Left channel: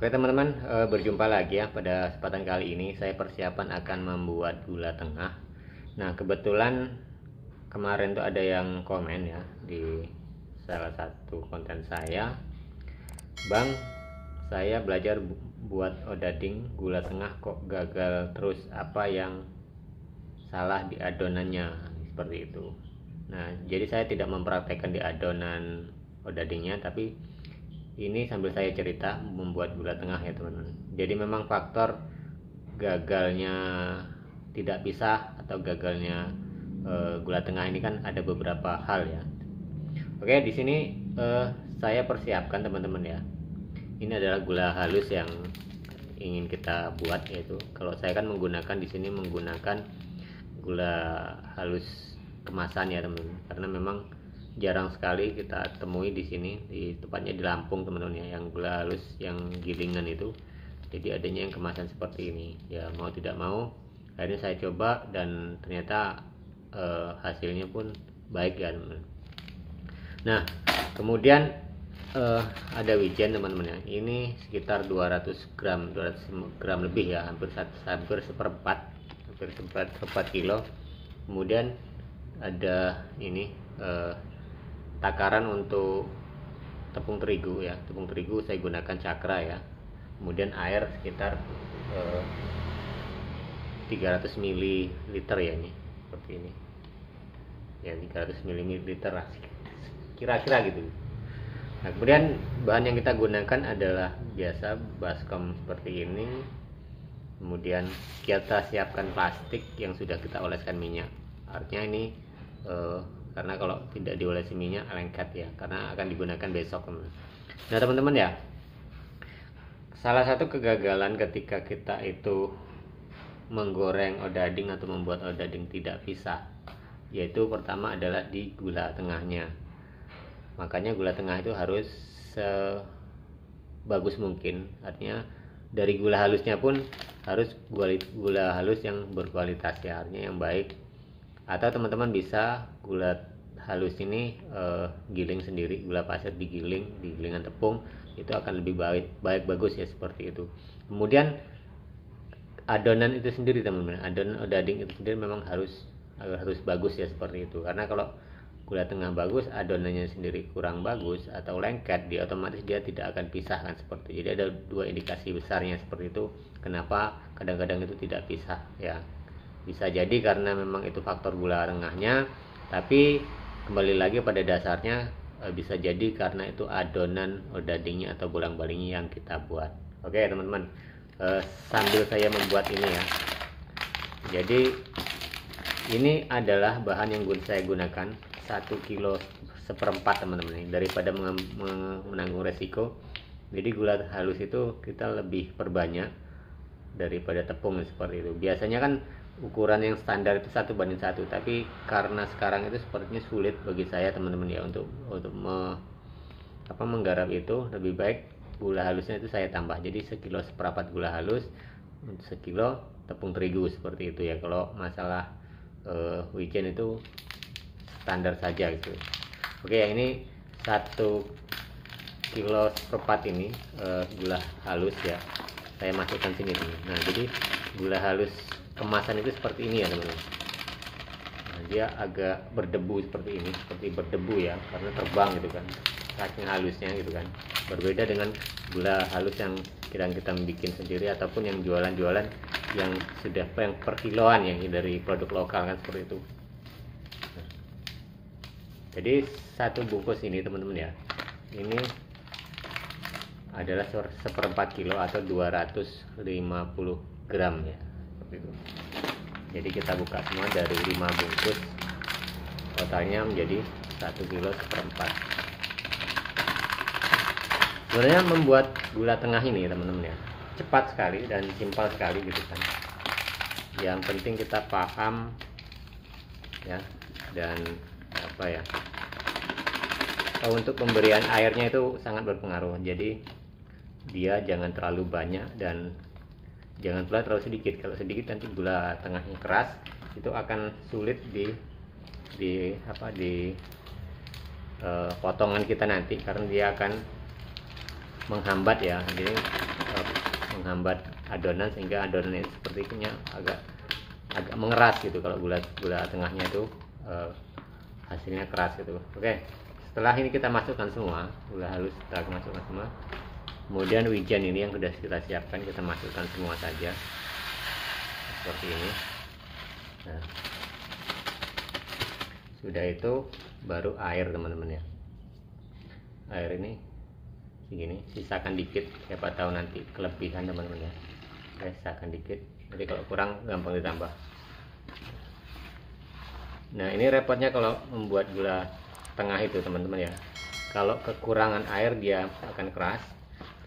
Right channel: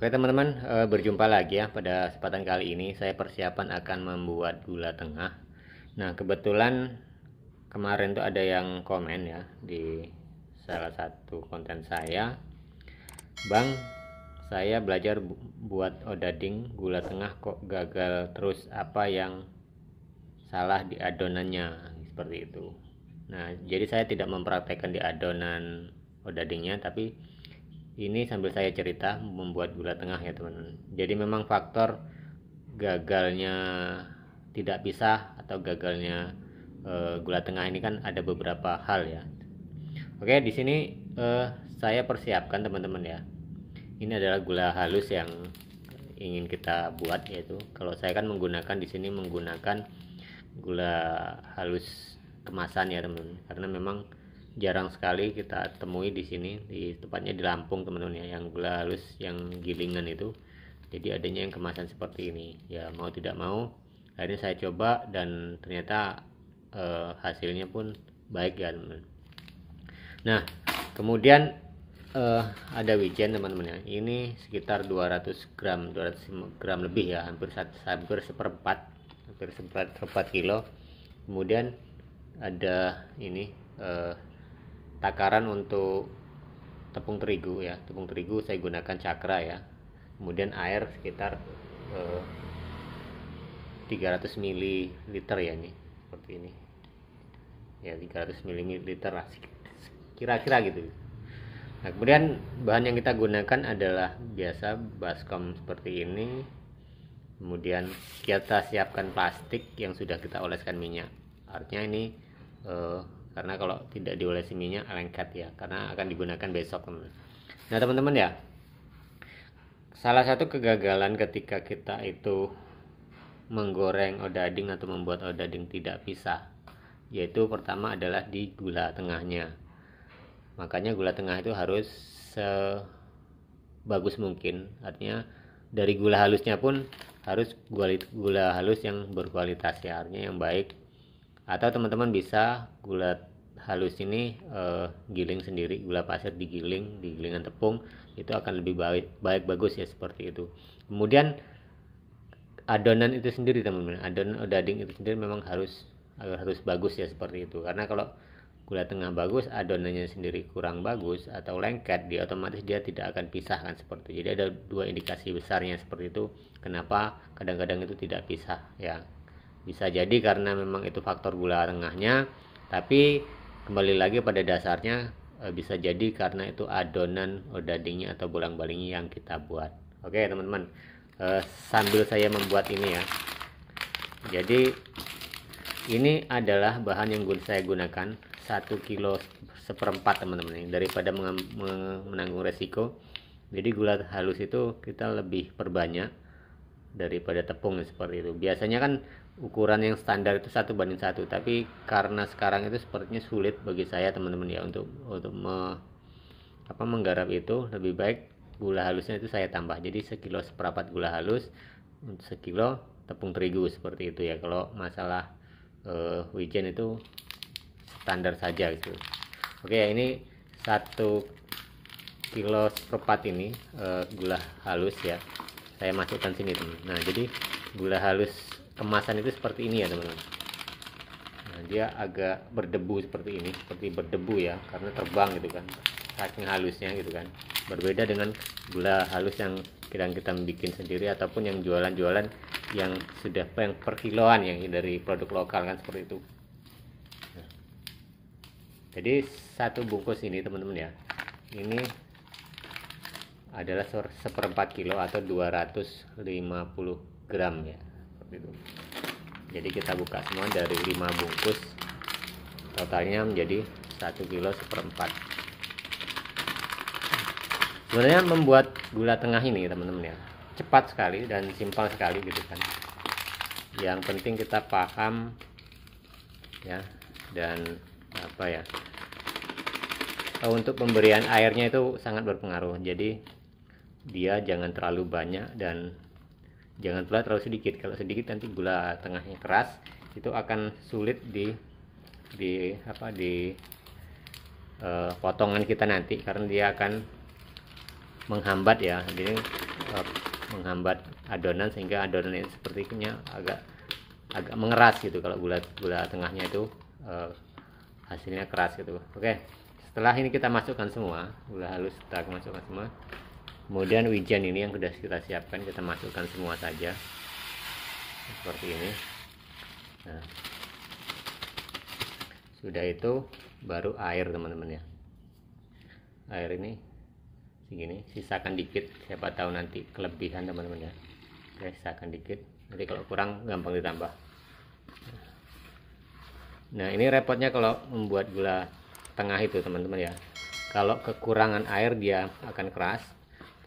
Oke teman-teman, berjumpa lagi ya. Pada kesempatan kali ini saya persiapan akan membuat gula tengah. Nah kebetulan kemarin tuh ada yang komen ya di salah satu konten saya, Bang, saya belajar buat odading gula tengah kok gagal terus, apa yang salah di adonannya, seperti itu. Nah jadi saya tidak mempraktekkan di adonan odadingnya, tapi ini sambil saya cerita membuat gula tengah ya teman-teman. Jadi memang faktor gagalnya tidak pisah atau gagalnya gula tengah ini kan ada beberapa hal ya. Oke, di sini saya persiapkan teman-teman ya. Ini adalah gula halus yang ingin kita buat, yaitu kalau saya kan menggunakan di sini menggunakan gula halus kemasan ya teman-teman, karena memang jarang sekali kita temui di sini, di tepatnya di Lampung teman-teman ya, yang gula halus yang gilingan itu. Jadi adanya yang kemasan seperti ini ya, mau tidak mau akhirnya saya coba dan ternyata hasilnya pun baik ya teman-teman. Nah kemudian ada wijen teman-teman ya, ini sekitar 200 gram lebih ya, hampir seperempat kilo. Kemudian ada ini takaran untuk tepung terigu ya, tepung terigu saya gunakan cakra ya. Kemudian air sekitar 300 ml ya, ini seperti ini ya, 300 ml lah kira-kira gitu. Nah kemudian bahan yang kita gunakan adalah biasa baskom seperti ini. Kemudian kita siapkan plastik yang sudah kita oleskan minyak, artinya ini karena kalau tidak diolesi minyak lengket ya, karena akan digunakan besok. Nah teman-teman ya, salah satu kegagalan ketika kita itu menggoreng odading atau membuat odading tidak pisah, yaitu pertama adalah di gula tengahnya. Makanya gula tengah itu harus sebagus mungkin, artinya dari gula halusnya pun harus gula halus yang berkualitas ya, artinya yang baik. Atau teman-teman bisa gula halus ini giling sendiri, gula pasir digiling di gilingan tepung, itu akan lebih baik bagus ya, seperti itu. Kemudian adonan itu sendiri teman-teman, adonan odading itu sendiri memang harus bagus ya, seperti itu. Karena kalau gula tengah bagus, adonannya sendiri kurang bagus atau lengket, dia otomatis dia tidak akan pisahkan seperti itu. Jadi ada dua indikasi besarnya seperti itu, kenapa kadang-kadang itu tidak pisah ya. Bisa jadi karena memang itu faktor gula tengahnya, tapi kembali lagi pada dasarnya bisa jadi karena itu adonan odadingnya atau bolang-balingnya yang kita buat. Oke teman-teman, sambil saya membuat ini ya, jadi ini adalah bahan yang saya gunakan 1 kilo seperempat teman-teman, daripada menanggung resiko. Jadi gula halus itu kita lebih perbanyak daripada tepung seperti itu. Biasanya kan ukuran yang standar itu 1:1, tapi karena sekarang itu sepertinya sulit bagi saya teman-teman ya untuk menggarap itu, lebih baik gula halusnya itu saya tambah. Jadi 1 kilo seperempat gula halus, 1 kilo tepung terigu seperti itu ya. Kalau masalah wijen itu standar saja gitu. Oke ya, ini 1 kilo seperempat ini gula halus ya, saya masukkan sini teman. Nah jadi gula halus kemasan itu seperti ini ya teman-teman. Nah, dia agak berdebu seperti ini, seperti berdebu ya, karena terbang gitu kan, saking halusnya gitu kan. Berbeda dengan gula halus yang kita bikin sendiri ataupun yang jualan-jualan yang sudah yang per kiloan yang dari produk lokal kan, seperti itu. Nah, jadi 1 bungkus ini teman-teman ya, ini adalah seperempat kilo atau 250 gram ya, seperti itu. Jadi kita buka semua dari 5 bungkus, totalnya menjadi 1 kilo seperempat. Sebenarnya membuat gula tengah ini teman-teman ya, cepat sekali dan simpel sekali gitu kan. Yang penting kita paham ya, dan apa ya, untuk pemberian airnya itu sangat berpengaruh. Jadi dia jangan terlalu banyak dan jangan pula terlalu sedikit. Kalau sedikit nanti gula tengahnya keras, itu akan sulit di potongan kita nanti, karena dia akan menghambat ya, jadi menghambat adonan sehingga adonan itu sepertinya agak mengeras gitu. Kalau gula tengahnya itu hasilnya keras gitu. Oke, setelah ini kita masukkan semua gula halus, kita masukkan semua, kemudian wijen ini yang sudah kita siapkan kita masukkan semua saja seperti ini. Nah, sudah itu baru air teman-teman ya, air ini segini, sisakan dikit, siapa tahu nanti kelebihan teman-teman ya. Oke, sisakan dikit, jadi kalau kurang gampang ditambah. Nah, ini repotnya kalau membuat gula tengah itu teman-teman ya, kalau kekurangan air dia akan keras,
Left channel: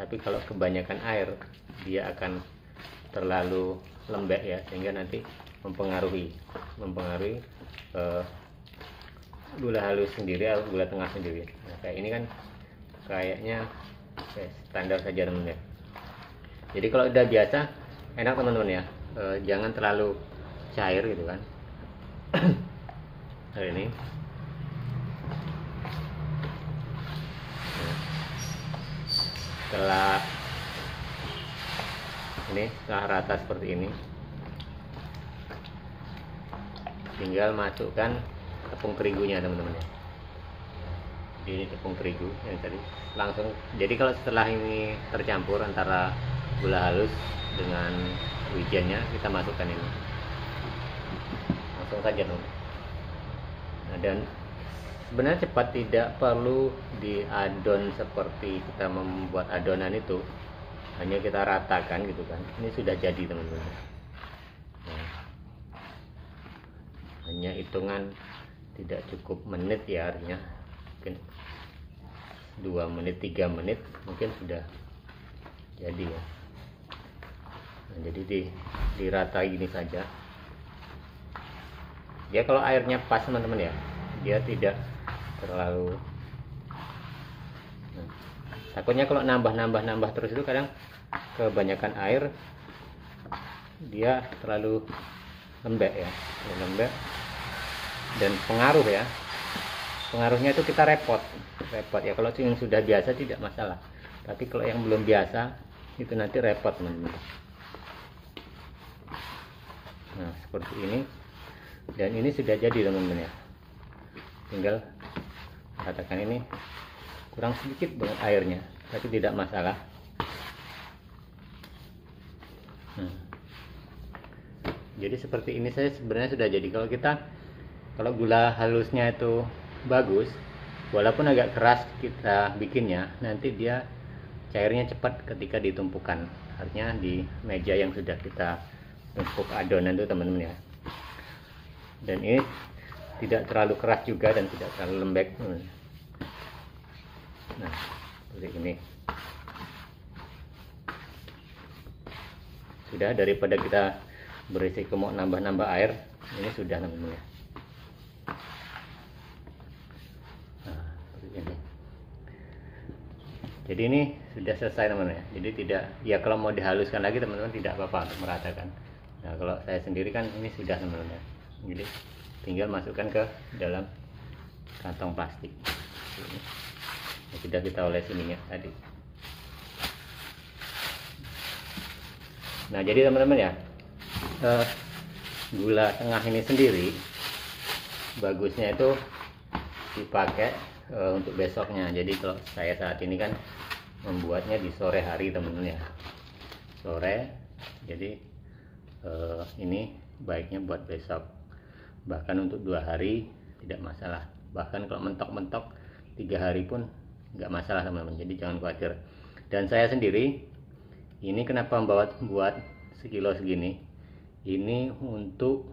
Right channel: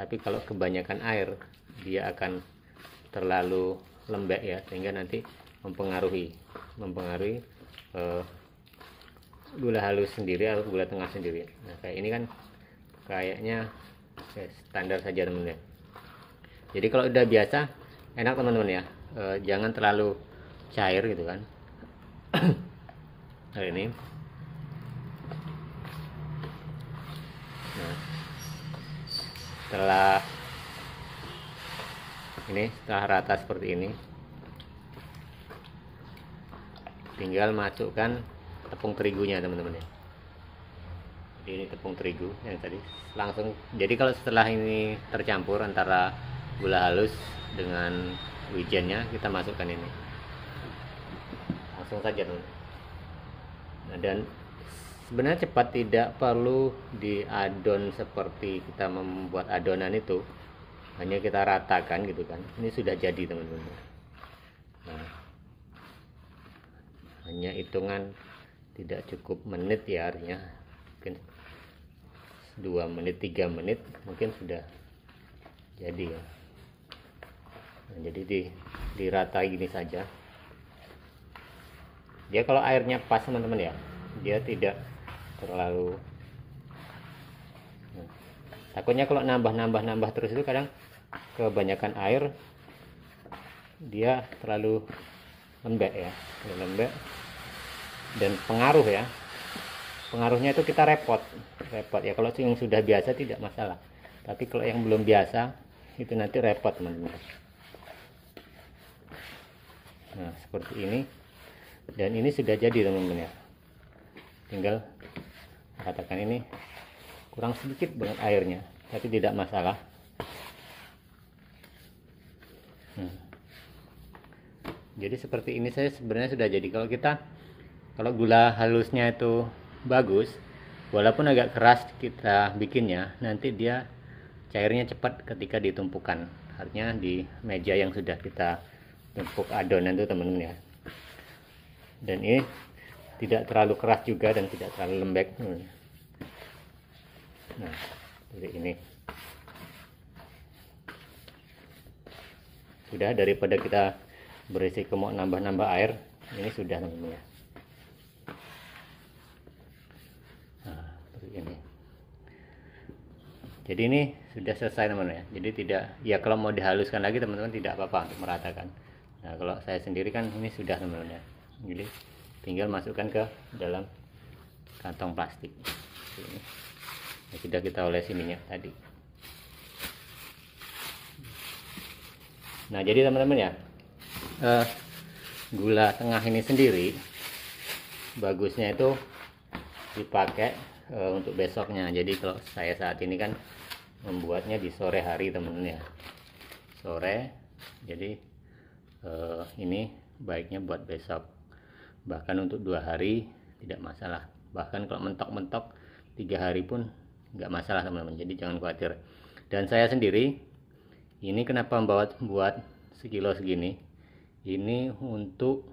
tapi kalau kebanyakan air dia akan terlalu lembek ya, sehingga nanti mempengaruhi gula halus sendiri atau gula tengah sendiri. Nah, kayak ini kan kayaknya standar saja teman-teman. Jadi kalau udah biasa enak teman-teman ya, jangan terlalu cair gitu kan. Nah, ini setelah rata seperti ini, tinggal masukkan tepung terigunya teman-teman ya. Ini tepung terigu yang tadi langsung, jadi kalau setelah ini tercampur antara gula halus dengan wijennya, kita masukkan ini langsung saja teman. Nah, dan sebenarnya cepat, tidak perlu diadon seperti kita membuat adonan itu, hanya kita ratakan gitu kan, ini sudah jadi teman-teman. Nah, hanya hitungan tidak cukup menit ya, artinya mungkin 2 menit 3 menit mungkin sudah jadi ya. Nah, jadi dirata gini saja. Dia kalau airnya pas teman-teman ya, dia tidak terlalu, nah, takutnya kalau nambah terus itu kadang kebanyakan air dia terlalu lembek ya, dan pengaruhnya itu kita repot ya. Kalau yang sudah biasa tidak masalah, tapi kalau yang belum biasa itu nanti repot teman-teman. Nah, seperti ini, dan ini sudah jadi teman-teman ya, tinggal katakan ini kurang sedikit banget airnya, tapi tidak masalah. Jadi seperti ini saya sebenarnya sudah jadi. Kalau gula halusnya itu bagus, walaupun agak keras kita bikinnya, nanti dia cairnya cepat ketika ditumpukan, artinya di meja yang sudah kita tumpuk adonan itu teman-teman ya. Dan ini tidak terlalu keras juga dan tidak terlalu lembek. Nah, seperti ini sudah, daripada kita berisiko mau nambah air, ini sudah teman-teman ya. Nah, ini. Jadi ini sudah selesai teman-teman ya. Jadi tidak, ya kalau mau dihaluskan lagi teman-teman tidak apa-apa untuk meratakan. Nah, kalau saya sendiri kan ini sudah teman-teman ya. Jadi tinggal masukkan ke dalam kantong plastik. Ini. Sudah kita olesi minyak tadi. Nah, jadi teman-teman ya, gula tengah ini sendiri bagusnya itu dipakai untuk besoknya. Jadi kalau saya saat ini kan membuatnya di sore hari teman-teman ya, sore. Jadi ini baiknya buat besok, bahkan untuk 2 hari tidak masalah, bahkan kalau mentok-mentok 3 hari pun nggak masalah teman-teman. Jadi jangan khawatir. Dan saya sendiri ini kenapa buat sekilo segini, ini untuk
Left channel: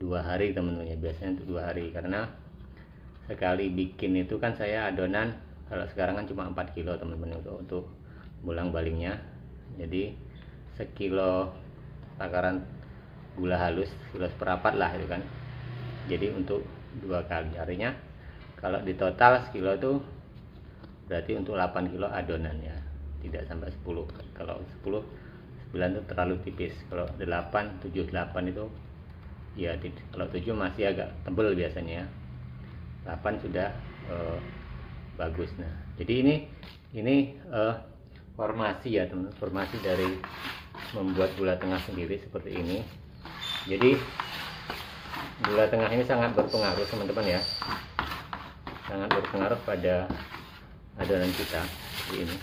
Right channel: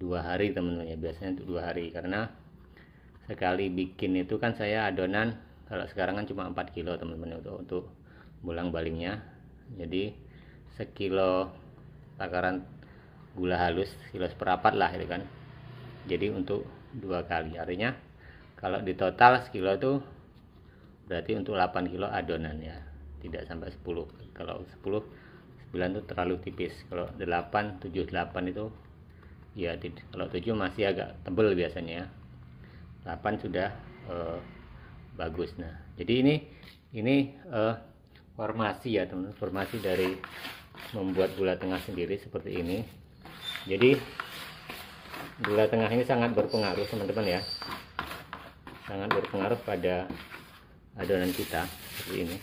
2 hari teman-teman ya, biasanya untuk 2 hari, karena sekali bikin itu kan saya adonan, kalau sekarang kan cuma 4 kilo teman-teman untuk bolang-balingnya. Jadi sekilo takaran gula halus, kilo seperempat lah itu kan, jadi untuk 2 kali, artinya kalau di total sekilo itu berarti untuk 8 kilo adonan ya, tidak sampai 10. Kalau 10, 9 itu terlalu tipis. Kalau 8, 7, 8 itu ya, kalau 7 masih agak tebal biasanya, 8 sudah bagus. Nah, jadi ini ini formasi ya teman, formasi dari membuat gula tengah sendiri seperti ini. Jadi gula tengah ini sangat berpengaruh teman-teman ya, sangat berpengaruh pada adonan kita seperti ini.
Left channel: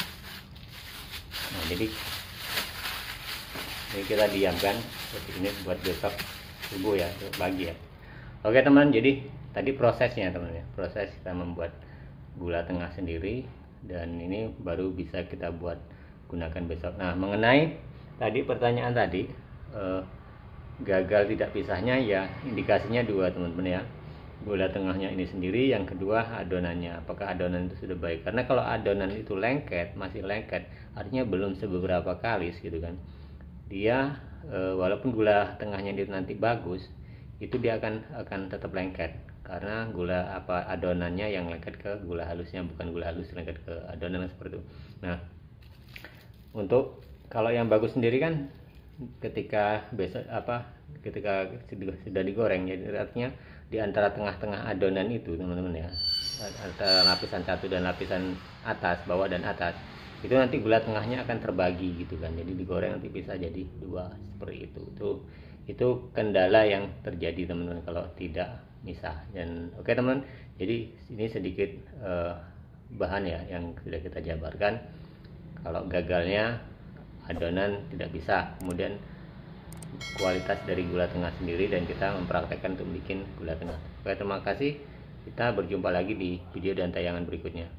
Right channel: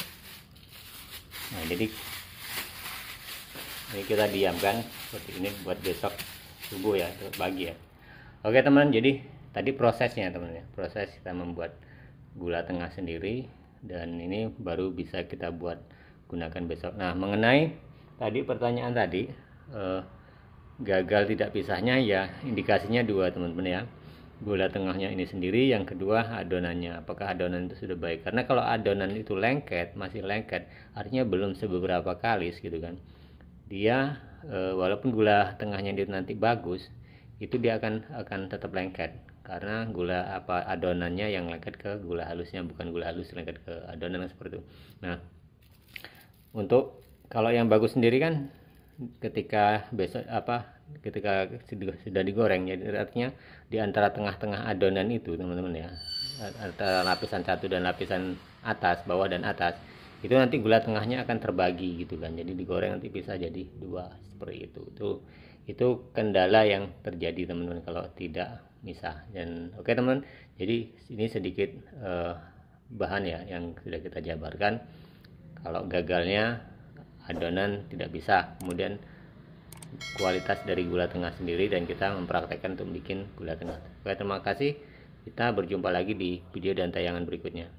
Nah, jadi ini kita diamkan seperti ini buat besok subuh ya, pagi ya. Oke teman, jadi tadi prosesnya teman ya, proses kita membuat gula tengah sendiri, dan ini baru bisa kita buat gunakan besok. Nah, mengenai tadi pertanyaan tadi, gagal tidak pisahnya ya, indikasinya dua teman-teman ya, gula tengahnya ini sendiri, yang kedua adonannya, apakah adonan itu sudah baik. Karena kalau adonan itu lengket, masih lengket, artinya belum sebeberapa kalis gitu kan, dia walaupun gula tengahnya itu nanti bagus, itu dia akan tetap lengket, karena adonannya yang lengket ke gula halusnya, bukan gula halus lengket ke adonan seperti itu. Nah, untuk kalau yang bagus sendiri kan ketika ketika sudah digoreng, jadi artinya di antara tengah-tengah adonan itu teman-teman ya, antara lapisan satu dan lapisan atas, bawah dan atas, itu nanti gula tengahnya akan terbagi gitu kan, jadi digoreng nanti bisa jadi dua seperti itu kendala yang terjadi teman-teman kalau tidak misah. Dan oke teman, jadi ini sedikit bahan ya yang sudah kita jabarkan. Kalau gagalnya adonan tidak bisa, kemudian kualitas dari gula tengah sendiri, dan kita mempraktekkan untuk bikin gula tengah. Oke, terima kasih, kita berjumpa lagi di video dan tayangan berikutnya.